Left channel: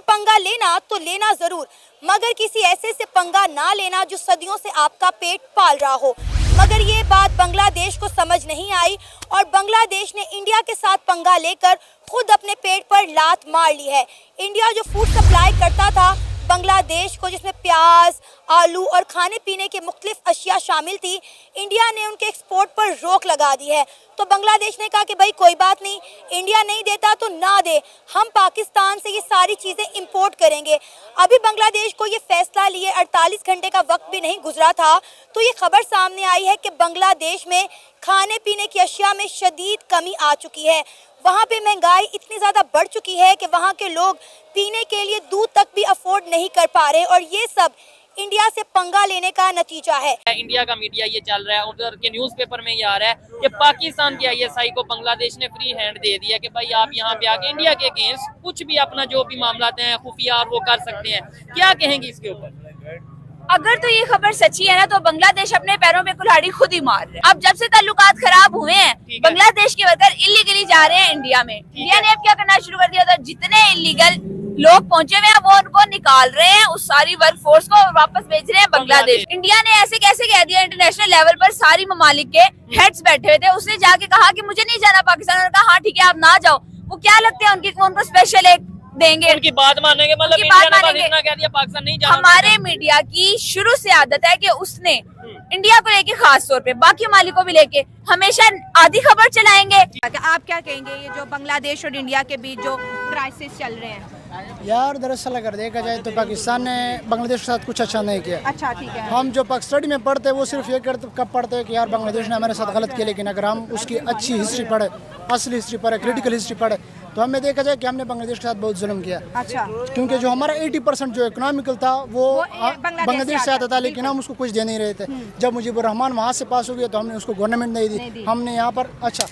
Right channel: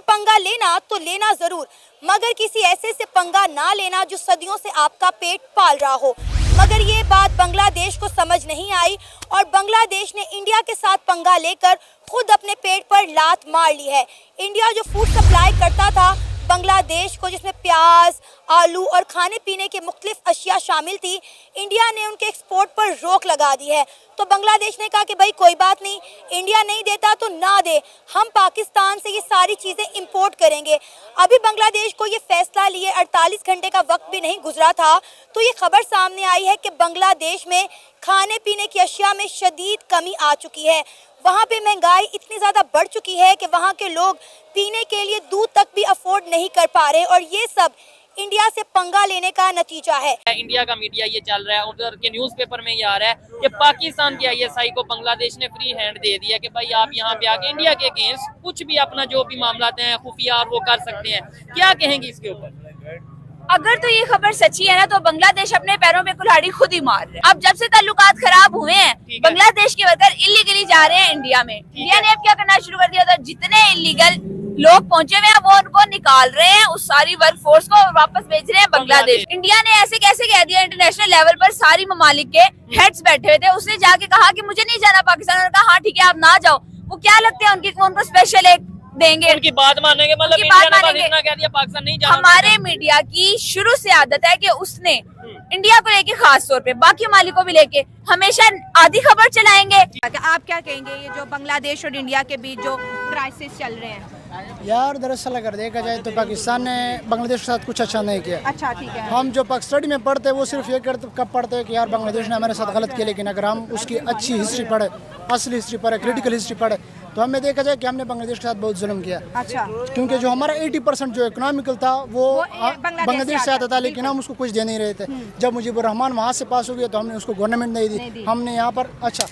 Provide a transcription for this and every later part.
से पंगा लेना तो लेना जरूर, मगर किसी ऐसे से पंगा ना लेना जो सदियों से आपका पेट पाल रहा हो। मगर ये बात बांग्लादेश को समझ नहीं आई और बांग्लादेश ने इंडिया के साथ पंगा लेकर खुद अपने पेट पर लात मार ली है। इंडिया जो फूड सप्लाई करता था बांग्लादेश को, जिसमें प्याज, आलू और खाने पीने के मुख्तलिफ अशिया शामिल थी, इंडिया ने उनके एक्सपोर्ट पर रोक लगा दी है। तो बांग्लादेश ने कहा कि भाई कोई बात नहीं, इंडिया नहीं देता तो ना दे, हम पाकिस्तान से ये सारी चीज़ें इंपोर्ट करेंगे। अभी बांग्लादेश को ये फैसला लिए 48 घंटे का वक्त भी नहीं गुजरा था तो ये खबर सामने आई है कि बांग्लादेश में खाने पीने की अशिया में शदीद कमी आ चुकी है। वहाँ पे महंगाई इतनी ज़्यादा बढ़ चुकी है कि वहाँ के लोग पीने के लिए दूध तक भी अफोर्ड नहीं कर पा रहे और ये सब इंडिया से पंगा लेने का नतीजा है। इंडिया का मीडिया ये चल रहा है, उधर के न्यूज़पेपर में ये आ रहा है कि पाकिस्तान की आईएसआई को बांग्लादेश ने फ्री हैंड दे दिया कि भाई आप यहाँ पे आके इंडिया के अगेंस्ट कुछ भी अपना जो भी मामला हैं खुफिया और वो कर सकते हैं। क्या कहेंगे इसके ऊपर? अगर तो ये खबर सच्ची है ना तो बांग्लादेश अपने पैरों में कुल्हाड़ी खुद ही मार रहे हैं। अब जब से ताल्लुकात खराब हुए हैं बांग्लादेश के वर्कर इलीगली जा रहे हैं इंडिया में। इंडिया ने अब क्या करना शुरू कर दिया था, जितने इलीगल लोग पहुंचे हुए हैं वो उनको निकाल रहे हैं, उस सारी वर्क फोर्स को वापस भेज रहे हैं बांग्लादेश। इंडिया ने ऐसे कैसे कह दिया, इंटरनेशनल लेवल पर सारी ममालिक के हेड्स बैठे हुए थे, उसने जाके कहा कि मुझे नहीं जाना पाकिस्तान। उन्होंने कहा हाँ ठीक है आप ना जाओ। वो क्या लगते हैं उनको स्पेशल एक देंगे, उनकी बात मानेंगे, मतलब इंडिया ने बस इतना कह दिया पाकिस्तान नहीं जाना। हमारे मीडिया की शुरू से आदत है कि उसने इंडिया को लेके खास तौर पे बाकी मालिक को भी लेके हमेशा आधी खबर चलाएंगे। आप क्या कहेंगे ये जो बांग्लादेश और इंडिया के बीच जो क्राइसिस चल रहे हैं? यार दरअसल अगर देखा जाए तो पाकिस्तान ने बांग्लादेश के साथ कुछ अच्छा नहीं किया। अच्छा ठीक है। हम जो स्टडी में पढ़ते हैं वो सिर्फ ये कब पढ़ते हैं कि यार बांग्लादेश ने हमारे साथ गलत किया, लेकिन अगर हम उसकी अच्छी हिस्ट्री पढ़े, असली हिस्ट्री पढ़े, क्रिटिकल हिस्ट्री पढ़े तो हमें देखा जाए कि हमने बांग्लादेश के साथ बहुत जुल्म किया। अच्छा। क्योंकि जो हमारा 80% जो इकोनॉमिकल था वो बांग्लादेश से आता था, लेकिन हम उसको कुछ दे नहीं रहे थे। जब मुजीबुर रहमान वहाँ से पास हो गया तो हमने उसको गवर्नमेंट नहीं दी, हमने यहाँ पर अच्छा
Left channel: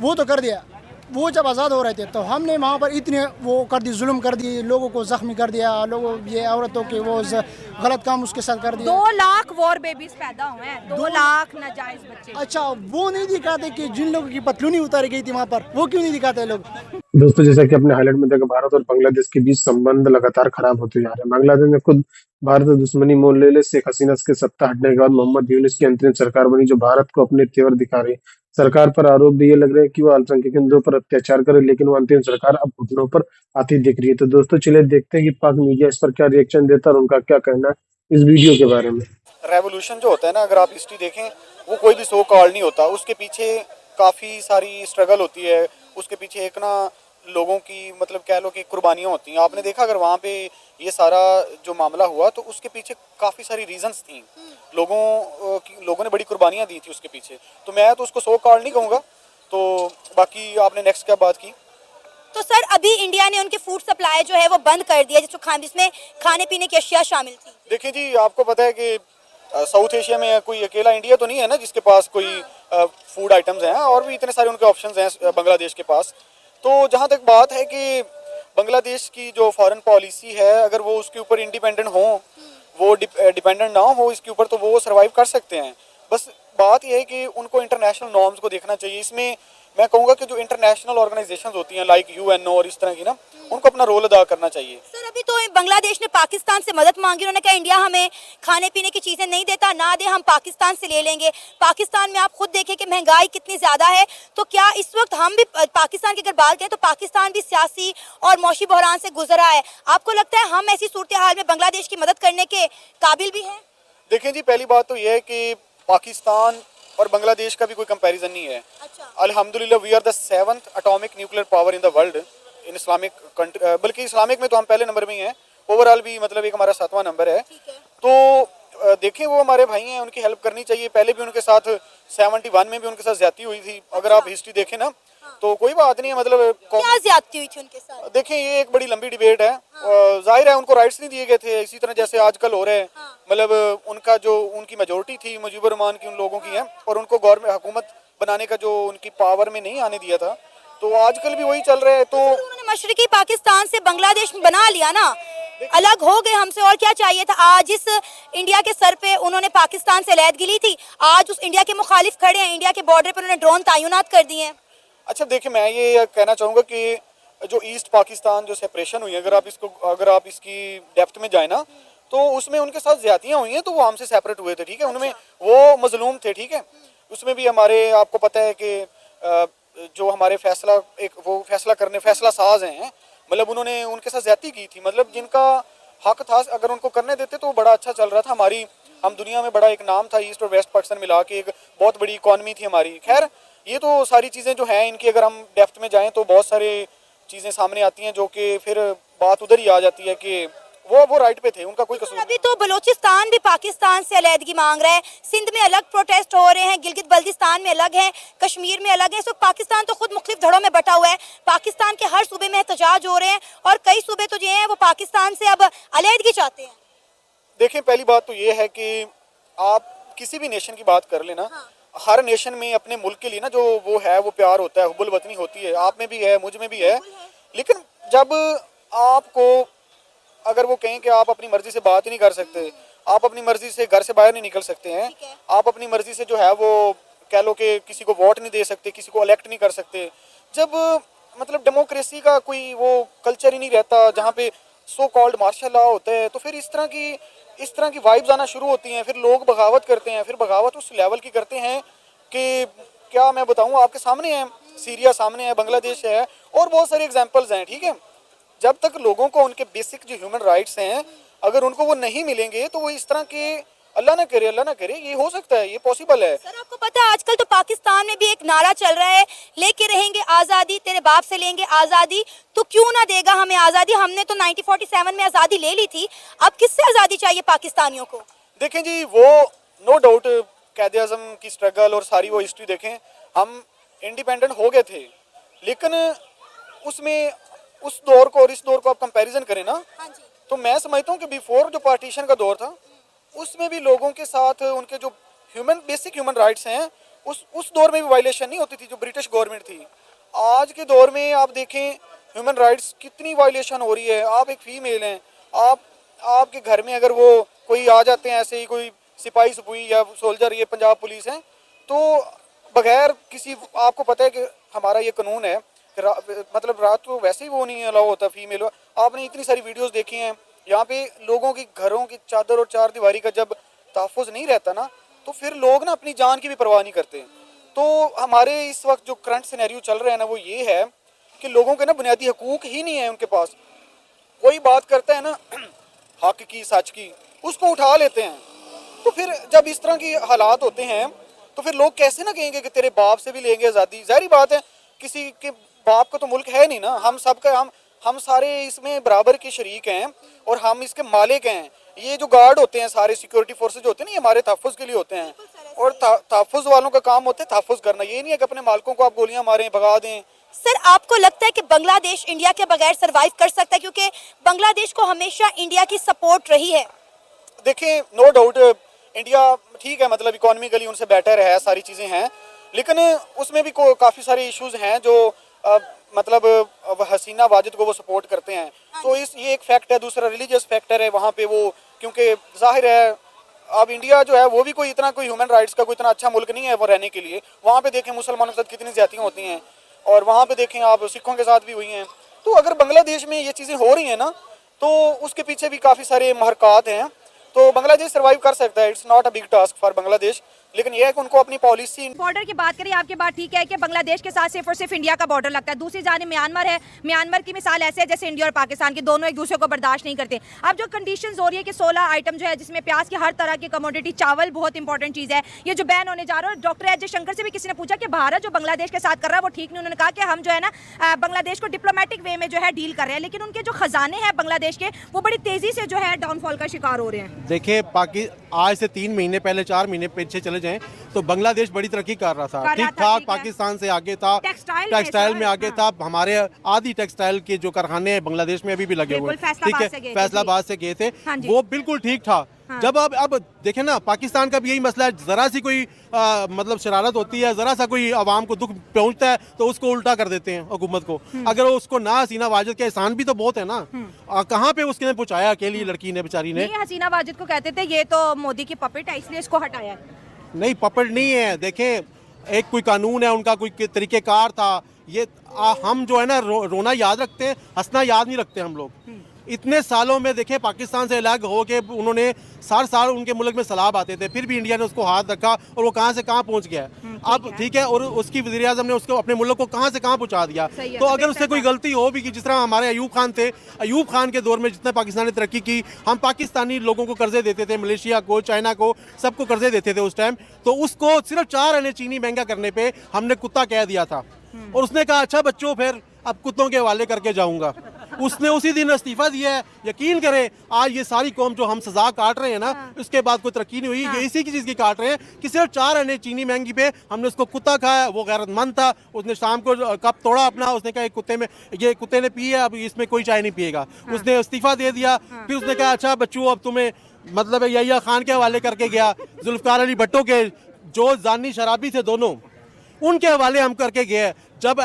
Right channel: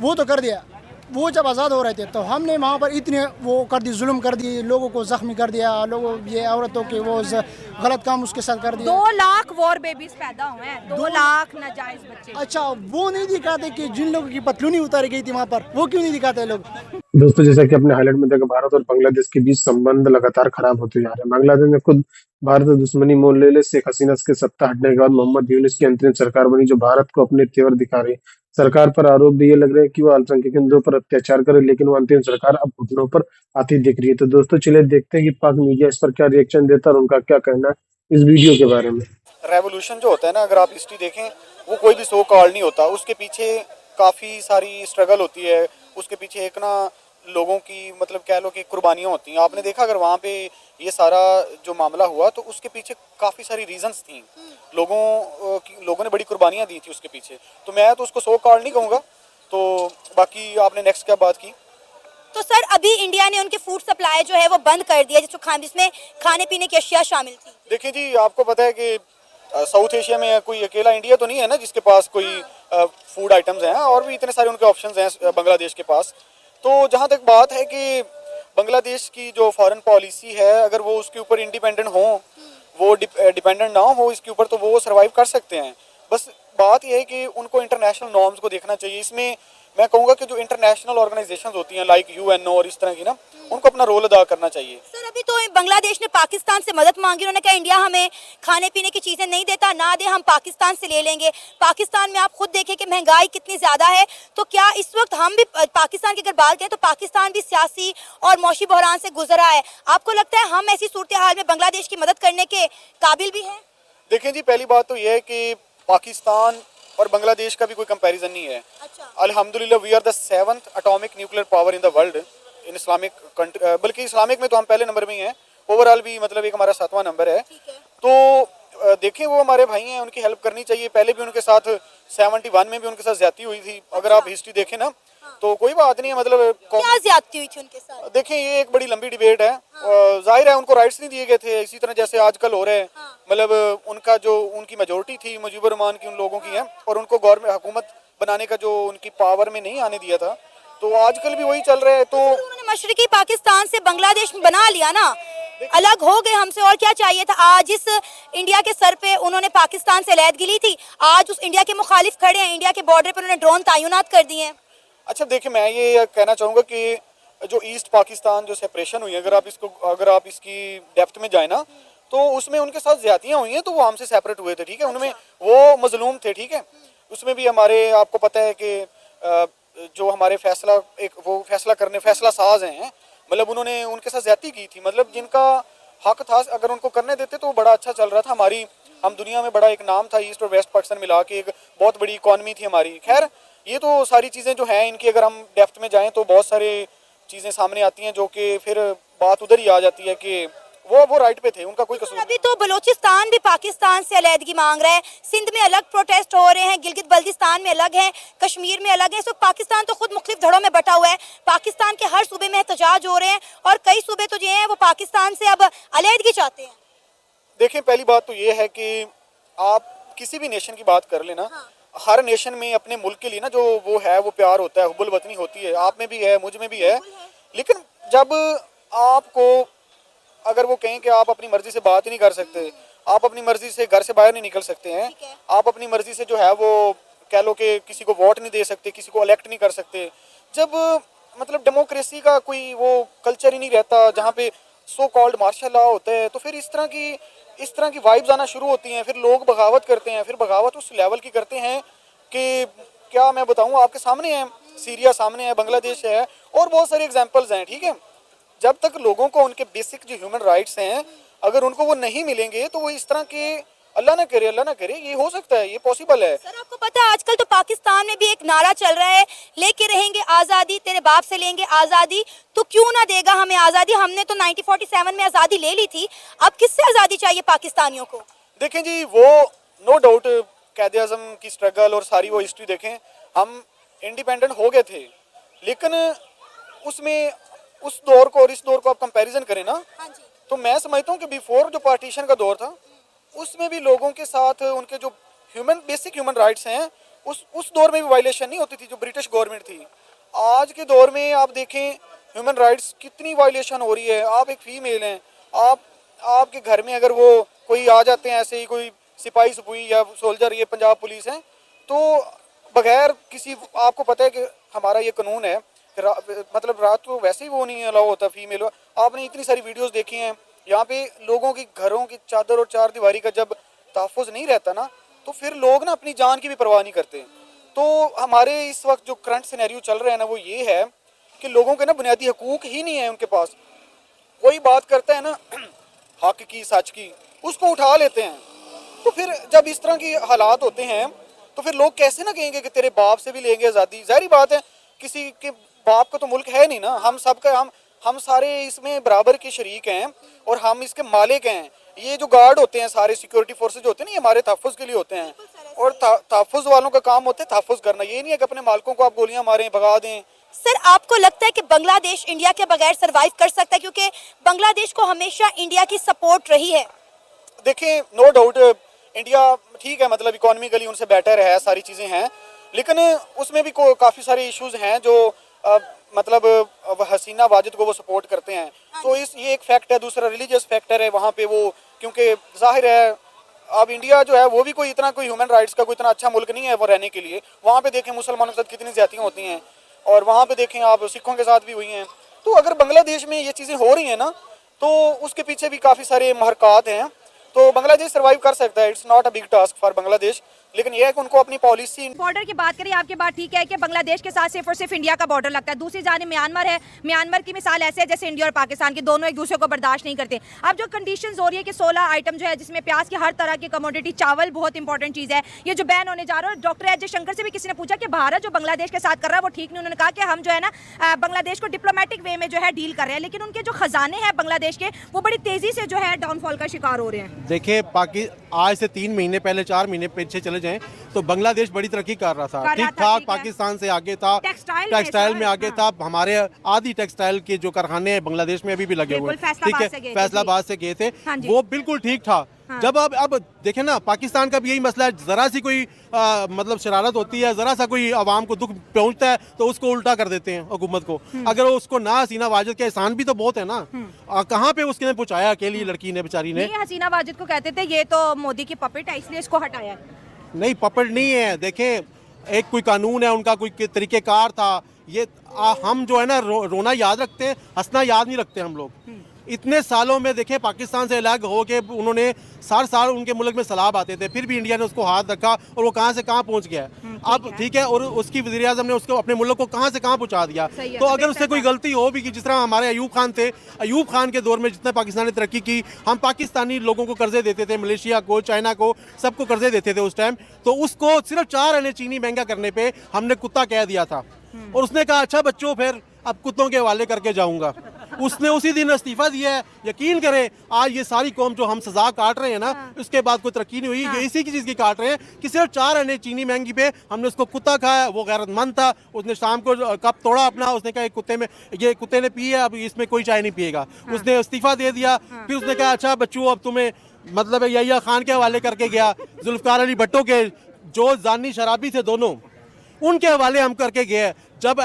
वो तो कर दिया। वो जब आज़ाद हो रहे थे तो हमने वहाँ पर इतने वो कर दी, जुल्म कर दी, लोगों को जख्मी कर दिया, लोगों ये औरतों के वो गलत काम उसके साथ कर दिया। 2 लाख वॉर बेबीज पैदा हुए हैं, 2 लाख नाजायज बच्चे। अच्छा वो नहीं दिखाते कि जिन लोगों की पतलूनी उतारी गई थी वहाँ पर, वो क्यों नहीं दिखाते लोग? दोस्तों जैसा कि अपने हाईलाइट में देखा, भारत और बांग्लादेश के बीच संबंध लगातार खराब होते जा रहे हैं। बांग्लादेश ने खुद भारत से दुश्मनी मोल ले शेख हसीना के सत्ता हटने के बाद मोहम्मद यूनुस की अंतरिम सरकार बनी, जो भारत को अपने तेवर दिखा रही। सरकार पर आरोप भी ये लग रहे हैं कि वो अल्पसंख्यक हिंदुओं पर अत्याचार करे, लेकिन वो अंतिम सरकार अब घुटनों पर आती दिख रही है। तो दोस्तों चलिए देखते हैं कि पाक मीडिया इस पर क्या रिएक्शन देता है और उनका क्या कहना है इस वीडियो के बारे में। रेवोल्यूशन जो होता है ना, अगर आप हिस्ट्री देखें वो कोई भी सो कॉल नहीं होता, उसके पीछे काफ़ी सारी स्ट्रगल होती है, उसके पीछे एक ना लोगों की मतलब कह लो कि कुर्बानियाँ होती हैं। आपने देखा अगर वहाँ पे ये सारा जो मामला हुआ तो उसके पीछे काफ़ी सारी रीजंस थी, लोगों ने बड़ी कुर्बानियाँ दी थी उसके पीछे। तो मैं तो उसको सो कॉल नहीं कहूँगा। तो बाकी आपने नेक्स्ट क्या बात की? तो सर अभी इंडिया ने उनके फूड सप्लाई जो है वो बंद कर दिया, जिसमें खाने पीने की अशिया शामिल थी। देखिए जी, आपको पता है कि साउथ एशिया में कोई अकेला इंडिया तो नहीं है ना जिसके पास कोई फूड आइटम्स हैं, और भी इतने सारे उनके ऑप्शंस हैं बांग्लादेश के पास। तो जहाँ तक बात है कि बांग्लादेश की जो फॉरेन पॉलिसी है, अगर वो उसके ऊपर इंडिपेंडेंट हो, वो डिपेंडेंट ना हो इसके ऊपर, तो वो सर्वाइव कर सकते हैं। बस बात यह है कि उनको इंटरनेशनल नॉर्म्स को देखना चाहिए। इसमें मैं कहूँगा कि जो इंटरनेशनल ऑर्गेनाइजेशंस होती हैं लाइक यूएन और इस तरह की ना, उनको अपना रोल अदा करना चाहिए। सर अभी तो बांग्लादेश ने पाकिस्तान से मदद मांगी, उन्होंने कहा इंडिया हमें खाने पीने की चीजें नहीं देता, ना दे, हम पाकिस्तान से ले लेंगे। पाकिस्तान में आप खुद देखें कि महंगाई कितनी ज्यादा है, तो क्या इस वक्त हम भी पाकिस्तान की अगर बात करें तो पाकिस्तान भी सियासी और मौशी बहरान से गुजरा है। आपको लगता है हम ऐसी सूरत हाल में बांग्लादेश की मदद करने के काबिल भी हैं? देखिए जी, पहली बात तो ये है कि पाकिस्तान और बांग्लादेश का भी कोई कंपैरिजन नहीं है। अच्छा। अल्हम्दुलिल्लाह we are the 7th atomic nuclear power in the world in Islamic country, बल्कि इस्लामिक में तो हम पहले नंबर में ही हैं, ओवरऑल भी मतलब एक हमारा 7वां नंबर है। तो देखें वो हमारे भाई हैं, उनकी हेल्प करनी चाहिए। पहले भी उनके साथ 71 में भी उनके साथ ज्यादती हुई थी, अगर आप हिस्ट्री देखें ना तो कोई बात नहीं है। मतलब क्या ज्यादती हुई थी उनके साथ? देखिए ये एक बड़ी लंबी डिबेट है, जाहिर है उनको राइट्स नहीं दिए गए थे, इसी तरह जैसे आजकल हो रहे हैं। मतलब उनका जो उनकी मेजोरिटी थी मुजीबुर रहमान की, उन लोगों की है, और उनको गवर्नमेंट हुकूमत बनाने का जो उनकी पावर में नहीं आने दिया था, तो आजकल भी वही चल रहे हैं। तो उन्होंने मशरकी पाकिस्तान से बांग्लादेश में बना लिया ना, अलग हो गए हमसे, और क्या चाहिए था? आज इस इंडिया के सर पे उन्होंने पाकिस्तान से लैद गिली थी, आज उस इंडिया के मुखालिफ खड़े हैं, इंडिया के बॉर्डर पर उन्होंने ड्रोन तैनात कर दिए हैं। अच्छा देखिए, मैं ये कहना चाहूँगा कि जो ईस्ट पाकिस्तान जो सेपरेशन हुई, अगर आप इसकी डेप्थ में जाए ना, तो उसमें उनके साथ ज्यादतियाँ हुई हैं, तो वो हमसे सेपरेट हुए थे, ठीक है, उनमें वो मजलूम थे, ठीक है। उसमें भी हमारे, आपको पता है कि जो हमारे फैसला साज हैं, मतलब उन्होंने उनके साथ ज्यादती की थी, मतलब जिनका हक था अगर उनको करने देते तो बड़ा अच्छा चल रहा था। हम दुनिया में बड़ा एक नाम था, ईस्ट और वेस्ट पाकिस्तान मिला के एक बहुत बड़ी इकॉनमी थी हमारी। खैर, ये तो सारी चीज़ें जो है इनकी अगर हम डेप्थ में जाएं तो बहुत सारी चीज़ें सामने आती हैं, जो कि फिर बात उधर ही आ जाती है कि वो राइट पे थे, उनका कोई कसूर नहीं। अभी तो बलूचिस्तान भी पाकिस्तान से अलहदगी मांग रहा है, सिंध में अलग प्रोटेस्ट हो रहे हैं, गिलगित बल्तिस्तान में अलग है, कश्मीर में अलग है। सो पाकिस्तान तो खुद मुख्तलिफ धड़ों में बटा हुआ है। पाकिस्तान के हर सूबे में एहतजाज हो रहे हैं और कई सूबे तो जो हैं वो पाकिस्तान से अब अलहदगी चाहते हैं। देखें, पहली बात तो ये है कि आप किसी भी नेशन की बात कर लेना, हर नेशन में अपने मुल्क के लिए ना जो वो है वो प्यार होता है, हुब्बुल वतनी होती है, आप में भी है, मुझ में भी है। लेकिन जब आपको अगर वो कहें कि आप अपनी मर्जी से बात ही नहीं कर सकते, आप अपनी मर्जी से घर से बाहर नहीं निकल सकते हैं, आप अपनी मर्जी से जो है वो कह लो कि किसी को वोट नहीं दे सकते, किसी को इलेक्ट नहीं कर सकते, जब मतलब डेमोक्रेसी का कोई वो कल्चर ही नहीं रहता जहाँ पे सो कॉल्ड मार्शल लॉ होता है, तो फिर इस तरह की वाइब्स आना शुरू होती हैं। फिर लोग बगावत करते हैं, फिर बगावत उस लेवल की करते हैं कि क्या मैं बताऊँ, आपके सामने है, सीरिया सामने है, बांग्लादेश है और बहुत सारी एग्जांपल्स हैं, ठीक है। जब तक लोगों को उनके बेसिक जो ह्यूमन राइट्स हैं अगर उनको वो नहीं मिलेंगे तो वो इस तरह के, अल्लाह ना करे, ये हो सकता है, ये पॉसिबल है। सर, आपको पता है आजकल तो पाकिस्तान में भी एक नारा चल रहा है, लेके रहेंगे आजादी, तेरे बाप से लेंगे आजादी, तो क्यों ना देगा हमें आजादी, हमने तो 1947 में आजादी ले ली थी, अब किससे आजादी चाहिए पाकिस्तानियों को। देखें जी, वो नो डाउट कायदे आज़म की स्ट्रगल और सारी वो हिस्ट्री देखें, हम इंडिपेंडेंट हो गए थे, लेकिन उसमें उस दौर को और इस दौर को आप कंपैरिजन करें ना, तो मैं समझता हूँ कि बिफोर जो पार्टीशन का दौर था उसमें भी लोगों के साथ उनके जो बेसिक ह्यूमन राइट्स हैं उस दौर में भी वायलेशन नहीं होती थी जो ब्रिटिश गवर्नमेंट थी। आज के दौर में आप देखें ह्यूमन राइट्स कितनी वायलेशन हो रही है। आप एक फीमेल हैं, आपके घर में अगर वो कोई आ जाते हैं ऐसे ही कोई सिपाही सपुई या सोल्जर, ये पंजाब पुलिस है, तो बगैर किसी, आपको पता है कि हमारा ये कानून है मतलब रात को वैसे ही वो नहीं अलाउ होता फीमेल। आपने इतनी सारी वीडियोस देखी हैं, यहाँ पे लोगों के घरों की चादर और चार दीवारी का जब तहफ़्फ़ुज़ नहीं रहता ना, तो फिर लोग ना अपनी जान की भी परवाह नहीं करते। तो हमारे इस वक्त जो करंट सिनेरियो चल रहा है ना, वो ये है कि लोगों के ना बुनियादी हकूक़ ही नहीं है उनके पास। कोई बात करता है ना हक की, सच की, उसको उठा लेते हैं। तो फिर जब इस तरह के हालात होते हैं तो फिर लोग कैसे ना कहेंगे कि तेरे बाप से भी लेंगे आज़ादी। ज़ाहिर बात है, किसी के बाप का तो मुल्क है नहीं ना, हम सबके हम सारे इसमें बराबर के शरीक हैं और हम इसके मालिक हैं। ये जो गार्ड होते हैं, सारे सिक्योरिटी फोर्सेज होते हैं ना, ये हमारे तहफ़्फ़ुज़ के लिए होते हैं और तहफ़्फ़ुज़ वालों का काम होता है तहफ़्फ़ुज़ करना। ये नहीं है कि अपने मालिकों को आप गोलियां मारें, भगा दें। सर, आपको लगता है कि बांग्लादेश इंडिया के बगैर सरवाइव कर सकता है, क्योंकि बांग्लादेश को हमेशा इंडिया की सपोर्ट रही है? देखिए, नो डाउट इंडिया ठीक है, मतलब इकोनॉमिकली उनसे बेटर है, सारी चीज़ें हैं, लेकिन उसमें भी काफ़ी सारे इश्यूज हैं जो मतलब हसीना वाजिद को वो सपोर्ट करते हैं। तो ये एक फैक्ट है। दूसरा रिलीजियस फैक्टर है वहाँ पे वो, क्योंकि जाहिर है अब इंडिया जो है वो भी कोई ह्यूमन राइट्स का कोई इतना अच्छा मुल्क नहीं है वो रहने के लिए। वहाँ पे देखें मुसलमानों के साथ कितनी ज्यादतियाँ होती हैं और वहाँ पे देखें आप सिखों के साथ भी हुई हैं। तो अगर बांग्लादेश में ये चीज़ें हो रही हैं ना, तो उसके पीछे भी काफ़ी सारे महरक़ात हैं। तो बांग्लादेश सर्वाइव कर सकता है, it's not a big task for Bangladesh, लेकिन ये है कि उनको अपनी पॉलिसी। बॉर्डर की बात करें, आपकी बात ठीक है कि बांग्लादेश के साथ सिर्फ और सिर्फ इंडिया का बॉर्डर लगता है। दूसरी जानिब म्यांमार है, म्यांमार की मिसाल ऐसे है जैसे इंडिया और पाकिस्तान के दोनों एक दूसरे को बर्दाश्त नहीं करते। अब जो कंडीशंस हो रही है कि 16 आइटम जो है जिसमें प्याज की हर तरह की कमोडिटी, चावल बहुत इंपॉर्टेंट चीज़ है, ये जो बैन होने जा रहा है। डॉक्टर एच जयशंकर से भी किसी ने पूछा कि भारत जो बांग्लादेश के साथ कर रहा है वो ठीक नहीं। उन्होंने कहा कि हम जो है ना बांग्लादेश को डिप्लोमेटिक वे में जो है डील कर रहे हैं, लेकिन उनके जो खजाने हैं बांग्लादेश के वो बड़ी तेजी से जो है डाउनफॉल का शिकार हो रहे हैं। देखिए, आज से 3 महीने पहले, 4 महीने पीछे चले जाएं तो बांग्लादेश बड़ी तरक्की कर रहा था, ठीक ठाक, पाकिस्तान से आगे था, टेक्सटाइल में आगे था। हमारे आधी टेक्सटाइल के जो कारखाने हैं बांग्लादेश में अभी भी लगे हुए हैं, ठीक है, फैसलाबाद से गए थे, वो बिल्कुल ठीक था। जब अब देखें ना, पाकिस्तान का भी यही मसला है, जरा सी कोई मतलब शरारत होती है, जरा सा कोई आवाम को दुख पहुंचता है तो उसको उल्टा कर देते हैं हुकूमत को। अगर उसको ना हसीना वाजिद के एहसान भी तो बहुत है ना, कहाँ पे उसने पहुंचाया अकेली लड़की ने, बेचारी ने। हसीना वाजिद को कहते थे ये तो मोदी की पपेट है इसलिए इसको हटाया। नहीं, पपेट नहीं है। देखें, एक कोई कानून है, उनका कोई तरीक़ेकार था, ये हम जो है ना रोना याद रखते हैं, हंसना याद नहीं रखते हम लोग। इतने सालों में देखे पाकिस्तान से अलग हो के उन्होंने 60 साल उनके मुल्क में सैलाब आते थे, फिर भी इंडिया ने उसको हाथ रखा और वो कहां से कहां पहुंच गया। अब ठीक है, और उसकी वज़ीर आज़म ने उसको अपने मुल्क को कहां से कहां पहुंचा दिया। तो अगर उससे कोई गलती हो भी कि जिस तरह हमारे अयूब खान थे, अयूब खान के दौर में जितना पाकिस्तान ने तरक्की की, हम पाकिस्तानी लोगों को कर्जे देते थे, मलेशिया को, चाइना को, सबको कर्जे देते थे उस टाइम। तो उसको सिर्फ 4 आने चीनी महंगा करने पे हमने कुत्ता कह दिया था और उसने कहा अच्छा बच्चों फिर अब कुत्तों के हवाले करके जाऊंगा। उसने उसी दिन इस्तीफा दिया है। यकीन करें आज ये सारी कौम जो हम सजा काट रहे हैं ना, उसके बाद कोई तरक्की नहीं हुई, ये इसी की चीज की काट रहे हैं कि सिर्फ 4 आने चीनी महंगी पे हमने उसको कुत्ता खाया। वो गैरतमंद था, उसने शाम को कप तोड़ा अपना, उसने कहा ये कुत्ते ने पी है, अब इसमें कोई चाय नहीं पिएगा। उसने इस्तीफा दे दिया। फिर उसने कहा अच्छा बच्चों अब तुम्हें मतलब यहिया खान के हवाले करके गया, जुल्फकार अली भुट्टो के जो जानी शराबी थे दोनों, उनके हवाले हम करके गए। जब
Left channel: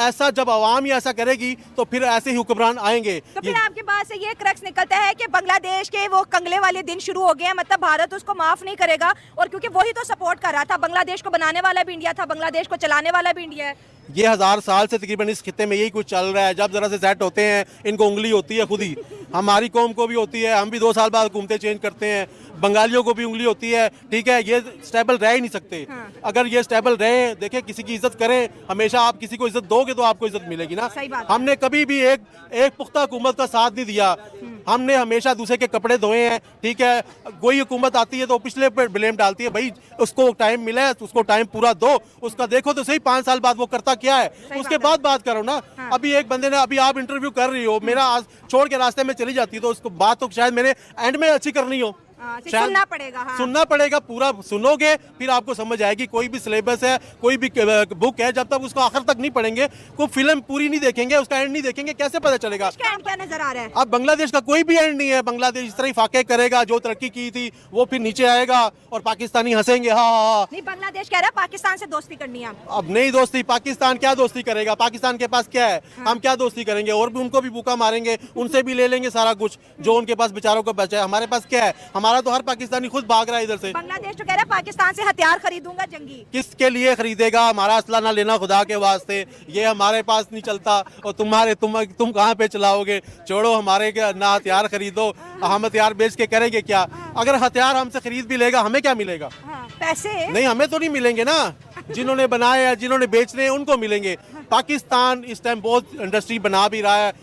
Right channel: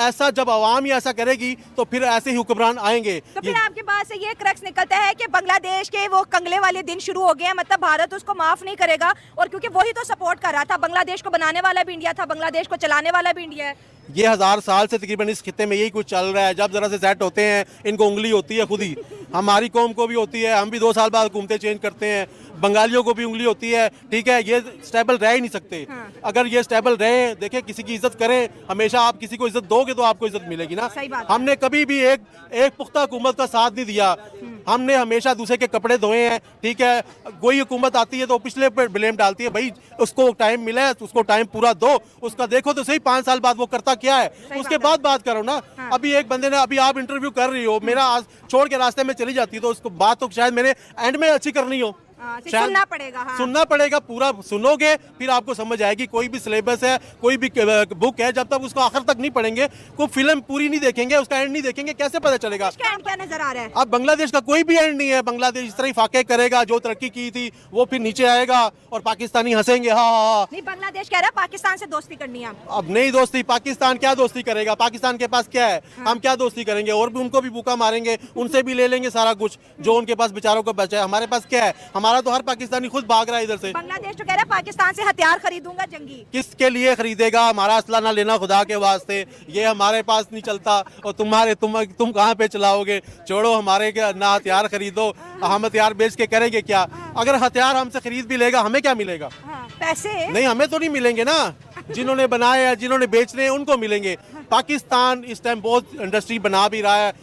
आवाम ही ऐसा करेगी तो फिर ऐसे ही हुक्मरान आएंगे। तो फिर आपके पास से ये क्रक्स निकलता है कि बांग्लादेश के वो कंगले वाले दिन शुरू हो गए हैं, मतलब भारत उसको माफ नहीं करेगा, और क्योंकि वही तो सपोर्ट कर रहा था, बांग्लादेश को बनाने वाला भी इंडिया था, बांग्लादेश को चलाने वाला भी इंडिया है। ये 1000 साल से तकरीबन इस खित्ते में यही कुछ चल रहा है। जब जरा से सेट होते हैं इनको उंगली होती है खुद ही, हमारी कौम को भी होती है, हम भी 2 साल बाद हुकूमतें चेंज करते हैं, बंगालियों को भी उंगली होती है। ठीक है, ये स्टेबल रह ही नहीं सकते। अगर ये स्टेबल रहे, देखिए किसी की इज्जत करें, हमेशा आप किसी को इज्जत दोगे तो आपको इज्जत मिलेगी ना। हमने कभी भी एक पुख्ता हुकूमत का साथ नहीं दिया, हमने हमेशा दूसरे के कपड़े धोए हैं। ठीक है, कोई हुकूमत आती है तो पिछले पर ब्लेम डालती है, भाई उसको टाइम मिला है तो उसको टाइम पूरा दो, उसका देखो तो सही 5 साल बाद वो करता क्या है, उसके बाद बात करो ना। अभी एक बंदे ने, अभी आप इंटरव्यू कर रही हो, मेरा आज छोड़ के रास्ते में चली जाती है तो उसको बात तो शायद मैंने एंड में अच्छी करनी हो, सुनना पड़ेगा। हाँ। सुनना पड़ेगा, पूरा सुनोगे फिर आपको समझ आएगी। कोई भी सिलेबस है, कोई भी बुक है, जब तक उसको आखिर तक नहीं पढ़ेंगे, कोई फिल्म पूरी नहीं देखेंगे, उसका एंड नहीं देखेंगे, कैसे पता चलेगा। क्या नजर आ रहा है? अब बांग्लादेश का कोई भी एंड नहीं है। बांग्लादेश इस तरह ही फाके करेगा, जो तरक्की की थी वो फिर नीचे आएगा और पाकिस्तानी हंसेंगे। हाँ, नहीं, बांग्लादेश कह रहा है पाकिस्तान से दोस्ती करनी है। अब नहीं दोस्ती, पाकिस्तान क्या दोस्ती करेगा, पाकिस्तान के पास क्या है। हम क्या दोस्ती करेंगे, और भी उनको भी भूखा मारेंगे, उनसे भी ले लेंगे सारा कुछ जो उनके पास बेचारों को बचा है। हमारे पास क्या है, हमारा तो हर पाकिस्तानी खुद भाग रहा है इधर से। बांग्लादेश तो कह रहा है पाकिस्तान से हथियार खरीदूंगा जंगी। किसके लिए खरीदेगा, हमारा असला ना लेना खुदा के वास्ते, ये हमारे पास नहीं चलता। और तुम कहाँ पे चलाओगे, छोड़ो हमारे के ना हथियार खरीदो, हम हथियार बेच के करेंगे क्या। अगर हथियार हमसे खरीद भी लेगा हमें क्या मिलेगा। पैसे नहीं, हमें तो नहीं मिलेंगे ना, जिन्होंने बनाए हैं, जिन्होंने बेचने हैं उनको मिलेंगे। पाकिस्तान इस टाइम बहुत इंडस्ट्री बना भी रहा है,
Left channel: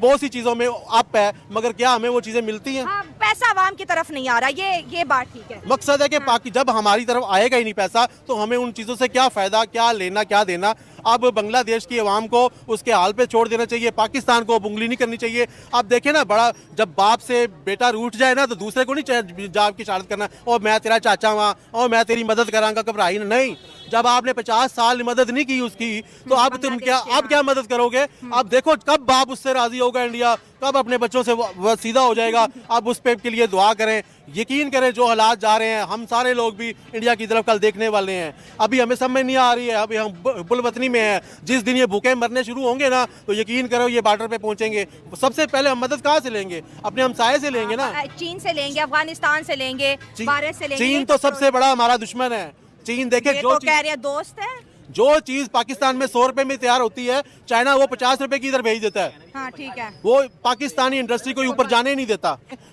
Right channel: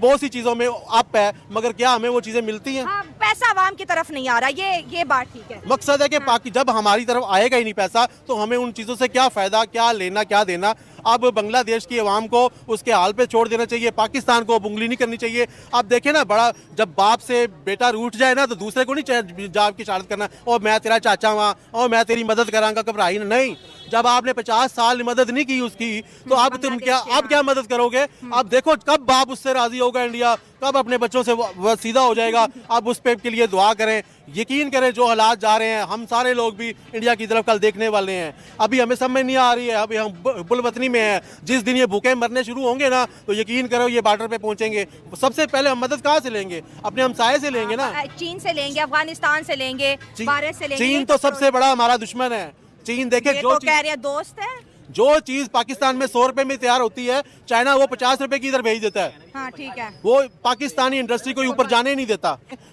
बहुत सी चीजों में अप है, मगर क्या हमें वो चीजें मिलती हैं। हाँ, पैसा आवाम की तरफ नहीं आ रहा, ये बात ठीक है। मकसद है कि जब हमारी तरफ आएगा ही नहीं पैसा तो हमें उन चीजों से क्या फायदा, क्या लेना क्या देना। अब बांग्लादेश की आवाम को उसके हाल पे छोड़ देना चाहिए, पाकिस्तान को उंगली नहीं करनी चाहिए। आप देखें ना, बड़ा जब बाप से बेटा रूठ जाए ना तो दूसरे को नहीं जाब की शहादत करना, और मैं तेरा चाचा हुआ और मैं तेरी मदद करांगा, घबराई नहीं। जब आपने 50 साल मदद नहीं की उसकी तो अब क्या मदद करोगे। अब देखो कब बाप उससे राजी होगा, इंडिया कब अपने बच्चों से वो सीधा हो जाएगा। अब उस पे के लिए दुआ करें, यकीन करें जो हालात जा रहे हैं, हम सारे लोग भी इंडिया की तरफ कल देखने वाले हैं। अभी हमें समझ नहीं आ रही है, अभी हम बुलवतनी में हैं। जिस दिन ये भूखे मरने शुरू होंगे ना तो यकीन करो ये बॉर्डर पे पहुंचेंगे। सबसे पहले हम मदद कहाँ से लेंगे, अपने हमसाये से लेंगे ना, चीन से लेंगे, अफगानिस्तान से लेंगे, भारत से लेंगे। चीन तो सबसे बड़ा हमारा दुश्मन है। चीन देखे जो कह रहे हैं दोस्त है, जो चीज पाकिस्तान में 100 रुपए में तैयार होती है, चाइना वो 50 रुपए की इधर भेज देता है। हाँ, ठीक है। वो पाकिस्तानी इंडस्ट्री को ऊपर जाने नहीं देता।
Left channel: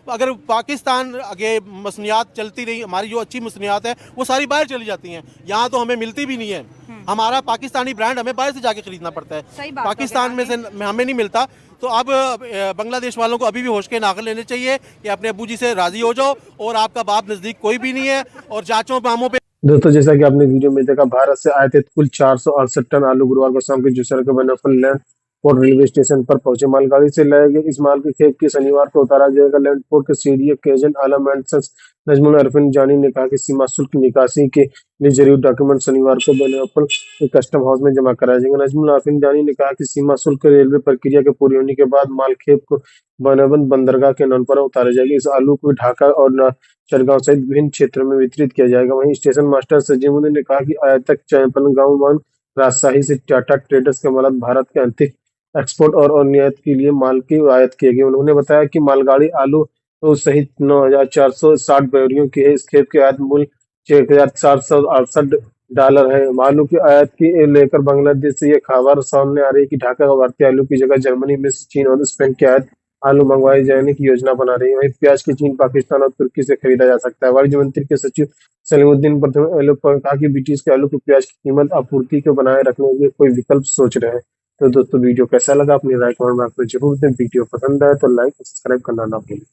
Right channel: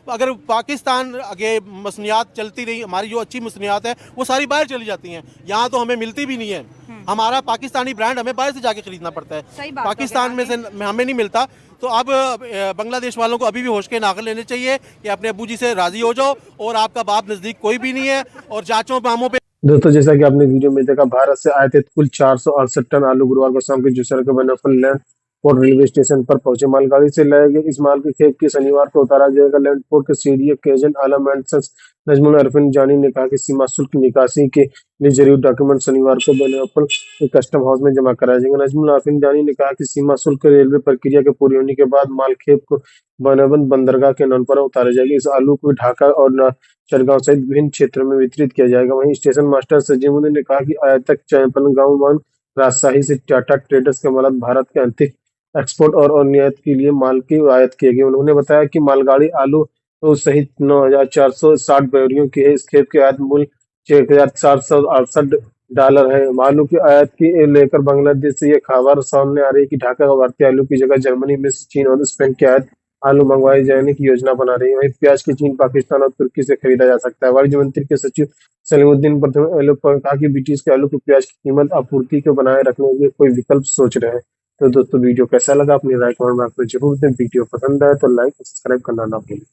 अगर पाकिस्तान आगे मसनियात चलती रही, हमारी जो अच्छी मसनियात है वो सारी बाहर चली जाती हैं, यहाँ तो हमें मिलती भी नहीं है। हमारा पाकिस्तानी ब्रांड हमें बाहर से जाके खरीदना पड़ता है, पाकिस्तान में से हमें नहीं मिलता। तो अब बांग्लादेश वालों को अभी भी होश के नागल लेने चाहिए कि अपने अब्बू जी से राजी हो जाओ, और आपका बाप नजदीक कोई भी नहीं है, और चाचों मामों पे। दोस्तों, जैसा कि आपने वीडियो में देखा, भारत से आए थे कुल 468 टन आलू गुरुवार को शाम के जुसर के बनफल लैंड पोर्ट रेलवे स्टेशन पर पहुंचे। मालगाड़ी से लाए गए इस माल के खेप की शनिवार को उतारा जाएगा। लैंड पोर्ट के सीडीए के agent Alam and sons Najmul Arfin Jani ने कहा कि सीमा शुल्क निकासी के लिए जरूरी डॉक्यूमेंट शनिवार को बनफल के कस्टम हाउस में जमा कराया जाएगा। नजमुल अरफिन जानी ने कहा कि सीमा शुल्क रेलवे प्रक्रिया के पूरी होने के बाद माल खेप को बनबंद बंदरगाह के नौनपरा उतारा जाएगा। इस आलू को ढाका और चरगांव सहित विभिन्न क्षेत्रों में वितरित किया जाएगा। वहीं स्टेशन मास्टर सजीमुद्दीन ने कहा कि आयातक चैंपलगांव वन राजशाही से टाटा ट्रेडर्स के माल भारत के आंतरिक एक्सपोर्ट और निर्यात के लिए माल की आयात किए गए। उन्होंने बताया कि मालगाड़ी आलू सहित 9,460 बोरियों की है। इस खेप के आयात मूल्य 6,468 डॉलर है। आलू की आयात की लेकर बांग्लादेश से ये खबर सामने आ रही है कि ढाका का भारतीय आलू की जगह जर्मनी, मिस्र, चीन और स्पेन के आयात आलू मंगवाए जाने की योजना बना रही है। वहीं प्याज की चीन, पाकिस्तान और तुर्की से खरीदा जा सकता है। वाणिज्य मंत्री के सचिव सलीमुद्दीन प्रथम एलो पर कहा कि ब्रिटिश के आलू की प्याज की कीमत आपूर्ति को बनाए रखने के लिए कोई विकल्प सोच रहे हैं। तो दोस्तों वीडियो कैसा लगा अपनी राय कमेंट बॉक्स में जरूर दें। वीडियो पसंद आए तो लाइक और सब्सक्राइब करना ना भूलें।